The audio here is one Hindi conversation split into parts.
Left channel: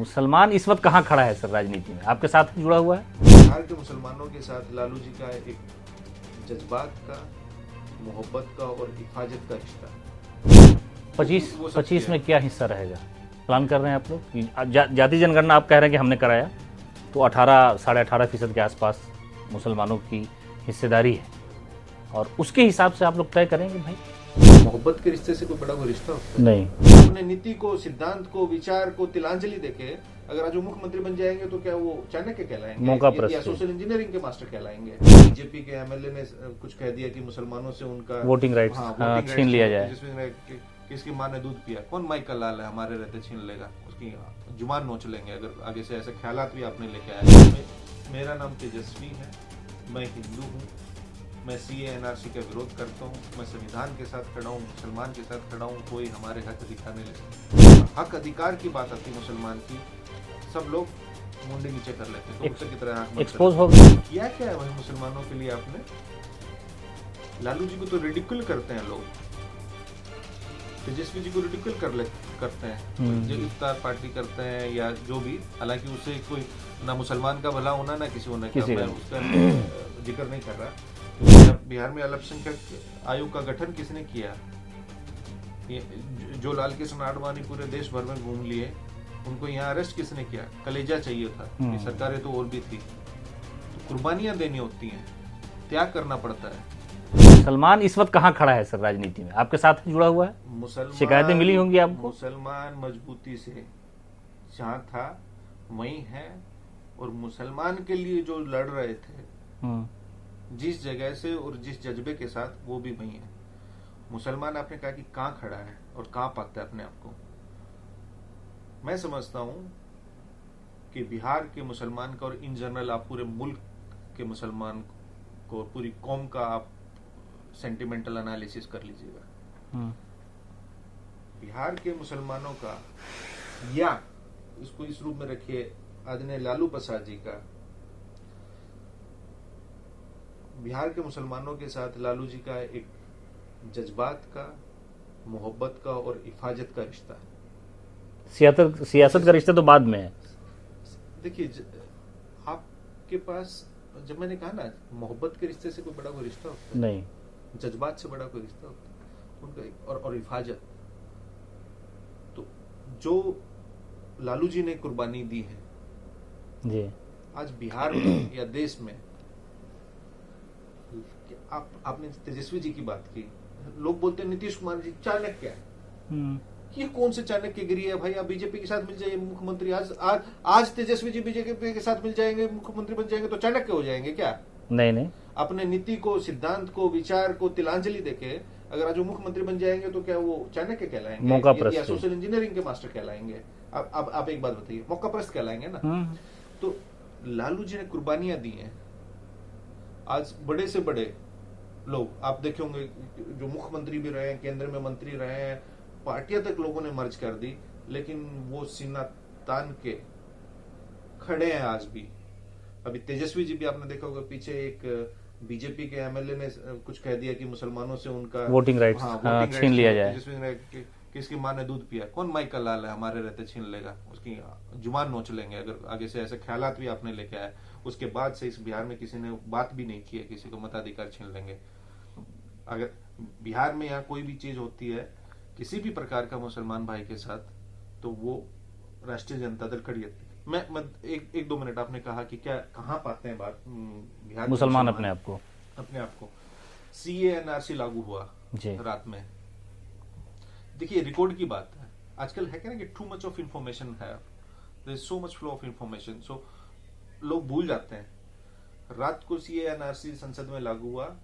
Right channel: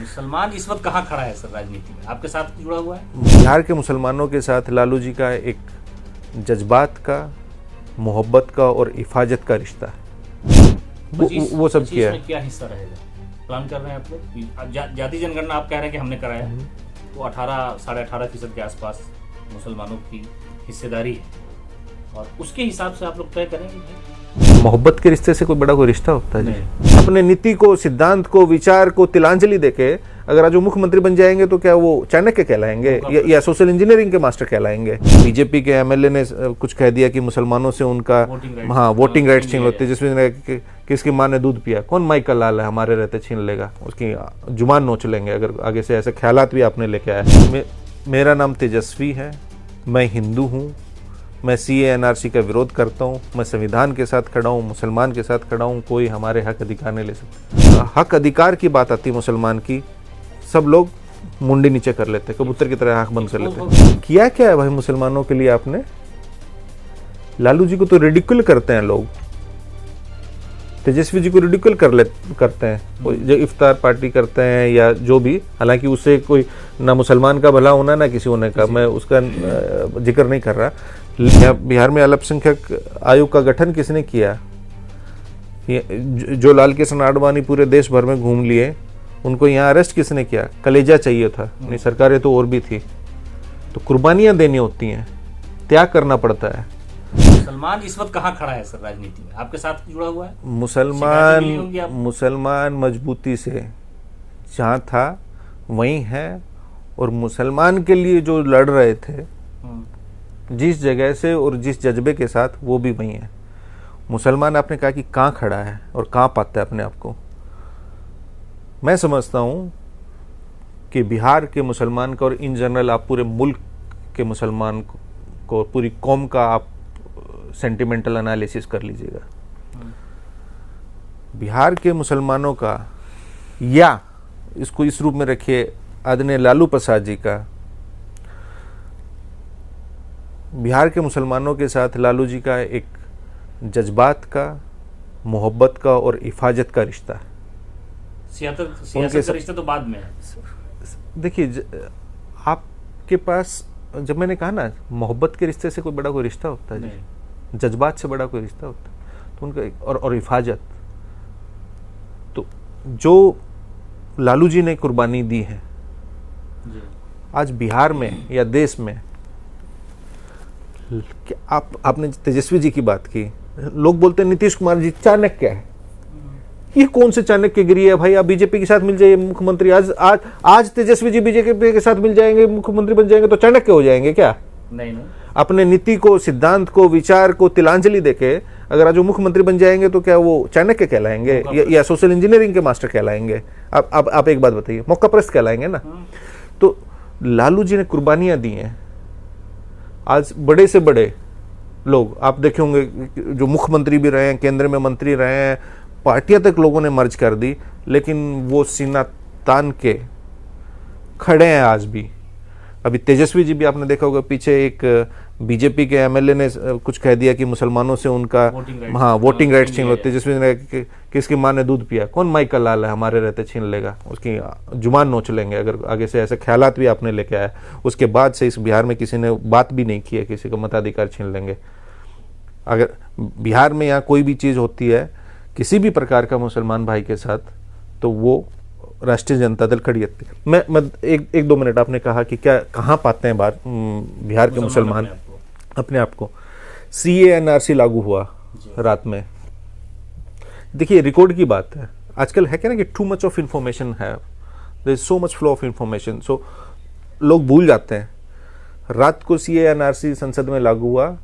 मुसलमान इस वक्त कहाँ खड़ा है सर राजनीति में, आपके साथ जुड़ा हुआ है? बिहार के मुसलमानों के साथ लालू जी का एक जज्बात का, मोहब्बत का और हिफाजत का रिश्ता वो सब 25 में क्या हिस्सा रहेगा, प्लान कर रहे हैं आप लोग? जाति जनगणना आप कह रहे हैं कि हमने कराया, तो 18-18.5% के आसपास मुसलमानों की हिस्सेदारी है, और उसके हिसाब से आप लोग तय करेंगे भाई? मोहब्बत के रिश्ते से कोई रिश्ता होता है? नहीं। अपने नीति को, सिद्धांत को, विचार को तिलांजलि देके अगर आज वो मुख्यमंत्री बन जाएंगे तो क्या वो चाणक्य कहलाएंगे या सोशल इंजीनियरिंग के मास्टर कहलाएंगे? बीजेपी के एमएलए ने कुछ कह दिया कि मुसलमानों से उनका वोटिंग राइट्स, वोटिंग राइट्स छीन होती है, जिसमें किसकी माँ ने दूध पिया, कौन माई का लाल है हमारे रहते छीन लेगा, उसकी जुबान नोच लेंगे अगर आगे से ऐसे ख्यालात भी आपने लेके आए। मेरा नाम तेजस्वी है, मैं हिंदू हूँ, मैं CA-NRC का विरोध करता हूँ, मैं संविधान के साथ खड़ा हूँ, मुसलमान के साथ खड़ा हूँ, कोई हमारे हक अधिकार नहीं ले सकता। हक अधिकार की बात आती है मुसलमान की, सब लोग मुंडी नीचे कर लेते, कबूतर की तरह आंख बंद कर लेते। किया क्या है भाई मुसलमानों के लिए आपने? लालू जी को तो रिडिकुल करते हैं लोग, तेजस्वी जी को रिडिकुल करते हैं, जो इफ्तार पार्टी करते हैं या जो भी, हालांकि उससे कोई ना मुसलमान का भला होना ना किसी होने का, मैं उसका जिक्र नहीं कर रहा। बिहार में अल्पसंख्यक आयोग का गठन किसने किया? जो लाल कृष्ण आडवाणी पूरे देश भर में घूम लिए, उनको यहाँ अरेस्ट किसने किया? कलेजा चाहिए था, नहीं सरकारें तो और भी थी। तो कुर्बानियां देनी होती हैं, त्याग करना पड़ता है। मुसलमान इस वक्त कहाँ खड़ा है सर राजनीति में, आपके साथ जुड़ा हुआ है? मुसलमान मजबूती से जहाँ था वहीं है, और मुसलमान के लिए जो लड़ रहे थे जिस जगह से और जिस जज्बे के साथ, वो भी वहीं है। मुसलमान आपने कहा कि कहाँ खड़ा है और कहाँ पाता है अपने आप को। मैं समझता हूँ कि बिहार के मुसलमान का, और इन जनरल आप पूरे मुल्क के मुसलमान को, पूरी कौम का आप सेंटिमेंटल एनालिसिस कर लीजिएगा। बिहार के मुसलमानों का, या इसको इस रूप में रखिए आदरणीय लालू प्रसाद जी का, बिहार के मुसलमानों के साथ लालू जी का एक जज्बात का, मोहब्बत का और हिफाजत का रिश्ता है। सियासत का रिश्ता तो बाद में है। देखिए, आपके पास, जब मैंने कहा ना मोहब्बत के रिश्ते से कोई रिश्ता होता है नहीं, जज्बात से बड़ा कोई रिश्ता होता है, तो उनका और हिफाजत, तो जो लालू जी ने कुर्बानी दी है जी। आज बिहार में या देश में, आपने तेजस्वी जी की बात की, लोग बोलते हैं नीतीश कुमार जी चाणक्य है। ये कौन से चाणक्यगिरी है भाई? आप बीजेपी के साथ मिल जाइए मुख्यमंत्री, आज तेजस्वी जी बीजेपी के साथ मिल जाएंगे, मुख्यमंत्री बन जाएंगे तो चाणक्य हो जाएंगे क्या? नहीं। अपने नीति को, सिद्धांत को, विचार को तिलांजलि देके अगर आज वो मुख्यमंत्री बन जाएंगे तो क्या वो चाणक्य कहलाएंगे या सोशल इंजीनियरिंग के मास्टर कहलाएंगे? आप एक बात बताइए, मौकाप्रस्त कहलाएंगे ना? तो लालू जी ने कुर्बानियां दी हैं। आज बड़े से बड़े लोग आप देखे होंगे, जो मुख्यमंत्री भी रहे हैं, केंद्र में मंत्री रहे हैं, पार्टियां तक लोगों ने मर्ज कर दी, लेकिन वो सीना तान के खड़े हैं आज भी। अभी तेजस्वी जी भी आपने देखा होगा, पीछे एक बीजेपी के एमएलए ने कुछ कह दिया कि मुसलमानों से उनका वोटिंग राइट्स छीन होती है, जिसमें किसकी माँ ने दूध पिया, कौन माई का लाल है हमारे रहते छीन लेगा, उसकी जुबान नोच लेंगे अगर आगे से ऐसे ख्यालात भी आपने लेके आया। उसके बाद से इस बिहार में किसी ने बात भी नहीं की है, किसी का मताधिकार छीन लेंगे। अगर बिहार में यहाँ कोई भी चीज़ होती है किसी भी प्रकार का मुसलमान भाई के साथ, तो वो राष्ट्रीय जनता दल खड़ी रहती है। मैं एक दो मिनट, आपने कहा कि क्या कहाँ पाते हैं बिहार के मुसलमान अपने आप को? CA-NRC लागू हुआ रात में। देखिए, रिकॉर्ड की बात है, आजकल है क्या ना कि टू मच ऑफ इंफॉर्मेशन है, there is so much flow of information, so लोग भूल जाते हैं। रात को CA-NRC संसद में लागू हुआ,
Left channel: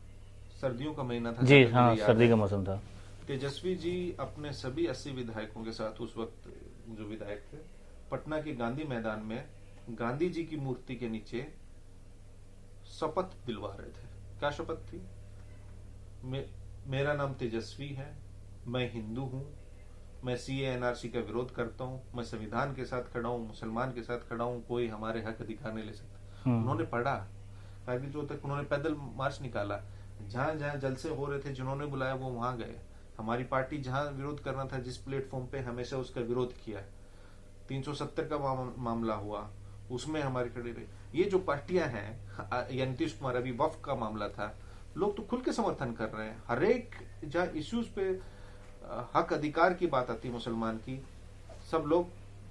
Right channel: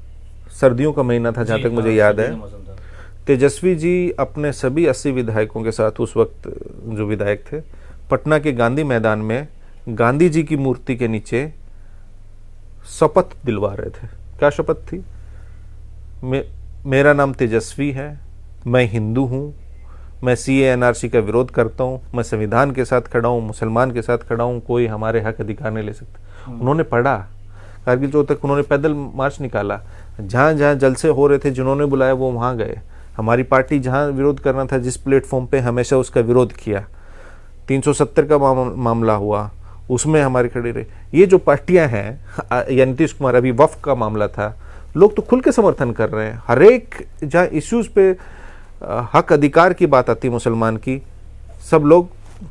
सर्दियों का महीना था जहां तक मुझे याद है। तेजस्वी जी अपने सभी 80 विधायकों के साथ, उस वक्त जो विधायक थे, पटना के गांधी मैदान में गांधी जी की मूर्ति के नीचे शपथ दिलवा रहे थे। क्या शपथ थी? मेरा नाम तेजस्वी है, मैं हिंदू हूँ, मैं CA-NRC का विरोध करता हूँ, मैं संविधान के साथ खड़ा हूँ, मुसलमान के साथ खड़ा हूँ, कोई हमारे हक अधिकार नहीं ले सकता। उन्होंने पढ़ा, कारगिल चौक तक उन्होंने पैदल मार्च निकाला, जहाँ जहाँ जलसे हो रहे थे, जिन्होंने बुलाया वो वहाँ गए। हमारी पार्टी जहाँ विरोध करना था, जिस प्लेटफॉर्म पे, हमेशा उसका विरोध किया। 370 का मामला हुआ, उसमें हमारी खड़ी रही। ये जो पार्टियां हैं, या नीतीश कुमार, अभी वक्फ का मामला था, लोग तो खुल के समर्थन कर रहे हैं। हर एक जहाँ इश्यूज पे हक अधिकार की बात आती मुसलमान की, सब लोग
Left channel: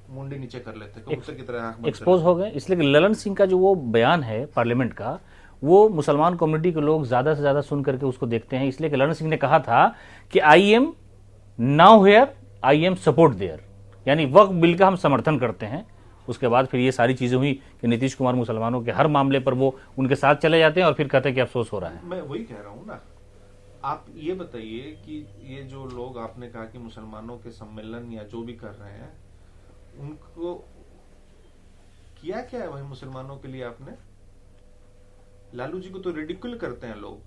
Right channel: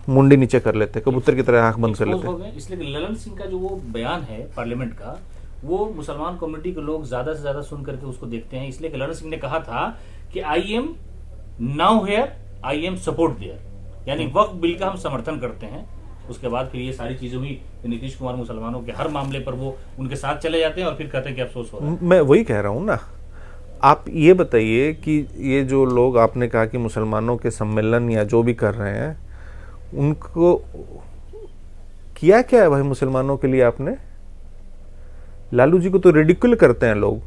मुंडी नीचे कर लेते, कबूतर की तरह आंख बंद कर लेते हो गए। इसलिए ललन सिंह का जो वो बयान है पार्लियामेंट का, वो मुसलमान कम्युनिटी के लोग ज्यादा से ज्यादा सुन करके उसको देखते हैं। इसलिए कि ललन सिंह ने कहा था कि I am now here, I am support there, यानी वक्फ बिल का हम समर्थन करते हैं। उसके बाद फिर ये सारी चीजें हुई कि नीतीश कुमार मुसलमानों के हर मामले पर वो उनके साथ चले जाते हैं और फिर कहते हैं कि अफसोस हो रहा है। मैं वही कह रहा हूँ ना। आप ये बताइए कि ये जो लोग आपने कहा कि मुसलमानों के सम्मेलन या जो भी कर रहे हैं, उनको किया क्या है भाई मुसलमानों के लिए आपने? लालू जी को तो रिडिक्यूल करते हैं लोग,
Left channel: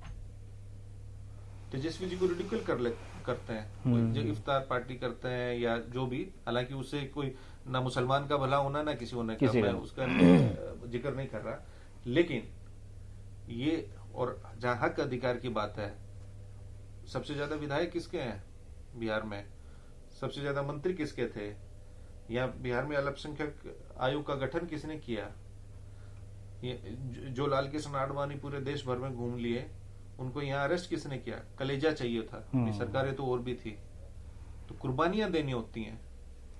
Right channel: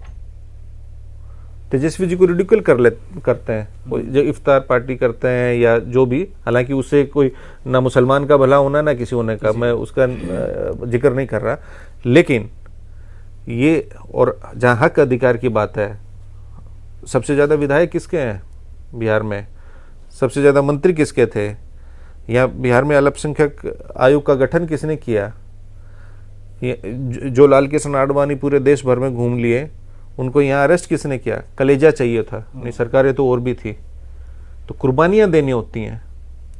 तेजस्वी जी को रिडिक्यूल करते हैं, जो इफ्तार पार्टी करते हैं या जो भी, हालांकि उससे कोई ना मुसलमान का भला होना ना किसी होने का, मैं उसका जिक्र नहीं कर रहा। लेकिन ये, और जहां हक अधिकार की बात है, सबसे ज्यादा विधायक किसके हैं बिहार में? सबसे ज्यादा मंत्री किसके थे? या बिहार में अल्पसंख्यक आयोग का गठन किसने किया? जो लाल कृष्ण आडवाणी पूरे देश भर में घूम लिए, उनको यहाँ अरेस्ट किसने किया? कलेजा चाहिए था, नहीं सरकारें तो और भी थी। तो कुर्बानियां देनी होती हैं,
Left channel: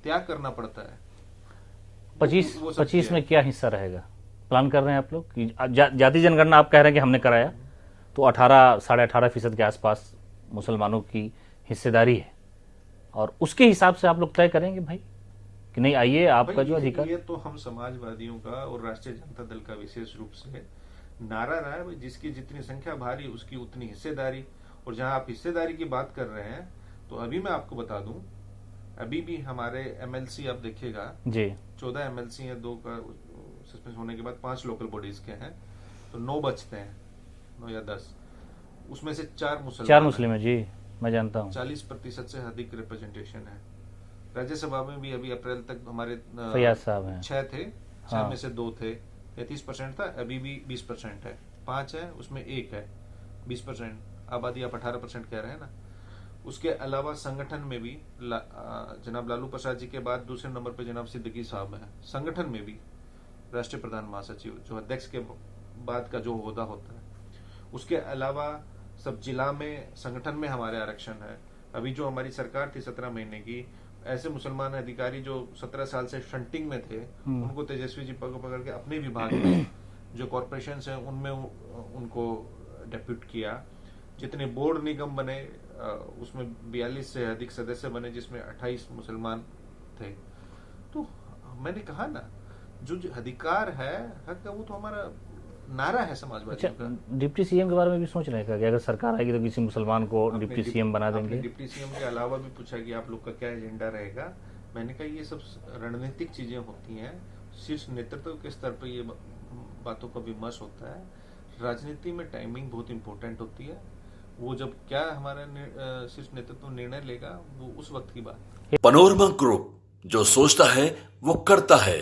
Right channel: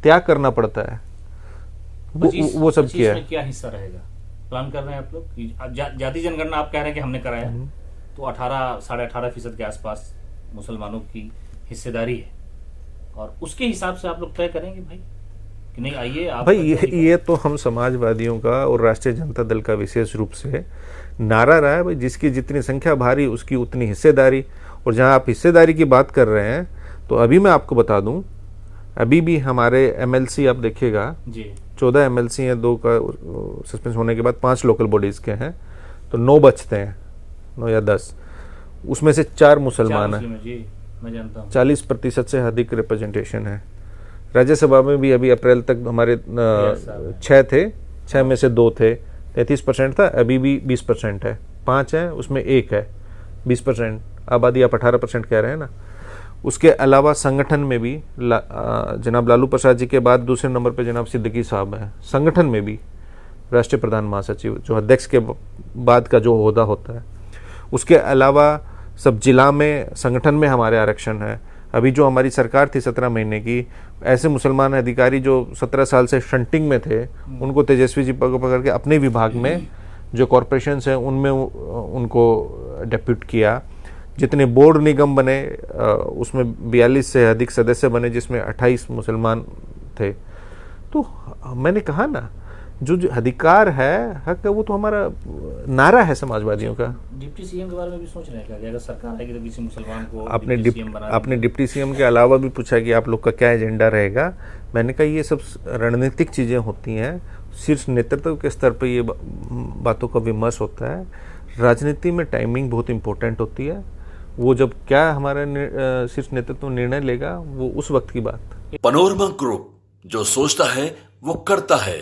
त्याग करना पड़ता है। वो सब किया में क्या हिस्सा रहेगा? प्लान कर रहे हैं आप लोग कि जाति जनगणना आप कह रहे हैं कि हमने कराया, तो 18-18.5% के आसपास मुसलमानों की हिस्सेदारी है, और उसके हिसाब से आप लोग तय करेंगे भाई कि नहीं आइए आप? भाई ये तो हम समाजवादियों का और राष्ट्रीय जनता दल का विशेष रूप से नारा रहा है भाई, जिसकी जितनी संख्या भारी उसकी उतनी हिस्सेदारी। और जहां आप हिस्सेदारी की बात कर रहे हैं, तो अभी मैं आपको बता दूं, अभी भी हमारे एमएलसी आप देखिएगा जी, 14 एमएलसी हैं, 2 का सस्पेंस होने के बाद 5 लोकल बॉडीज के हैं, तो 9 बचते हैं, 9 या 10, उसमें से 4 मुसलमान हैं जी, मैं जानता हूं। 40% से अधिक रिप्रेजेंटेशन है। राज्यसभा में भी अभी अप्रैल तक हमारे 6 थे, 6 में से 2 थे, 33% था, अभी भी 20% है। 5 है, उसमें 1 है, 20% आबादी, आप 18% कह रहे हैं ना। उसके अलावा संगठन में भी जनाब लालू प्रसाद जी के बाद दूसरे नंबर पे जनाब सिद्दीकी साहब हैं। संगठन में भी राष्ट्रीय प्रधान महासचिव, जो अध्यक्ष के बाद का जो ओहदा होता है। उसके अलावा सब जिला में, संगठन में हमारे आरक्षण है। अभी जो हमारी सरकार थी 17 महीने की, ऐसे मुसलमान अधिकारी जो 17 साल से शंटिंग में थे, उनको तेजस्वी जी पकड़ के अपने विभाग में जो कॉरपोरेशंस हैं उनमें उनको डेप्यूट किया। जितने बोर्ड निगम बने, उसमें 42 से अधिक सदस्य बने, जिसमें 28 मुसलमान थे। तो मैंने कहा ना, जो अधिकार है, हक है, वो तो हमारा नारा है समाजवादियों का। डिप्टी सीएम के बारे में भी सोच रहे हैं कि अगर सरकार आएगी तो किसी मुसलमान को डिप्टी सीएम बना देंगे? आपने डिप्टी सीएम के अलावा भी पूछा कि आप लोग का क्या एजेंडा रहेगा। मैंने कहा ये सब रणनीतिक चीज़ें होती हैं, शीर्ष नेतृत्व के स्तर पर ये बातों का विमर्श होता है। राजनीति में टाइमिंग बहुत इंपॉर्टेंट होती है। वो जब क्या हमारा शीर्ष नेतृत्व निर्णय लेगा, वो उस वक्त की बात। पनोरमा ग्रुप, जो सोचता है वो करता है।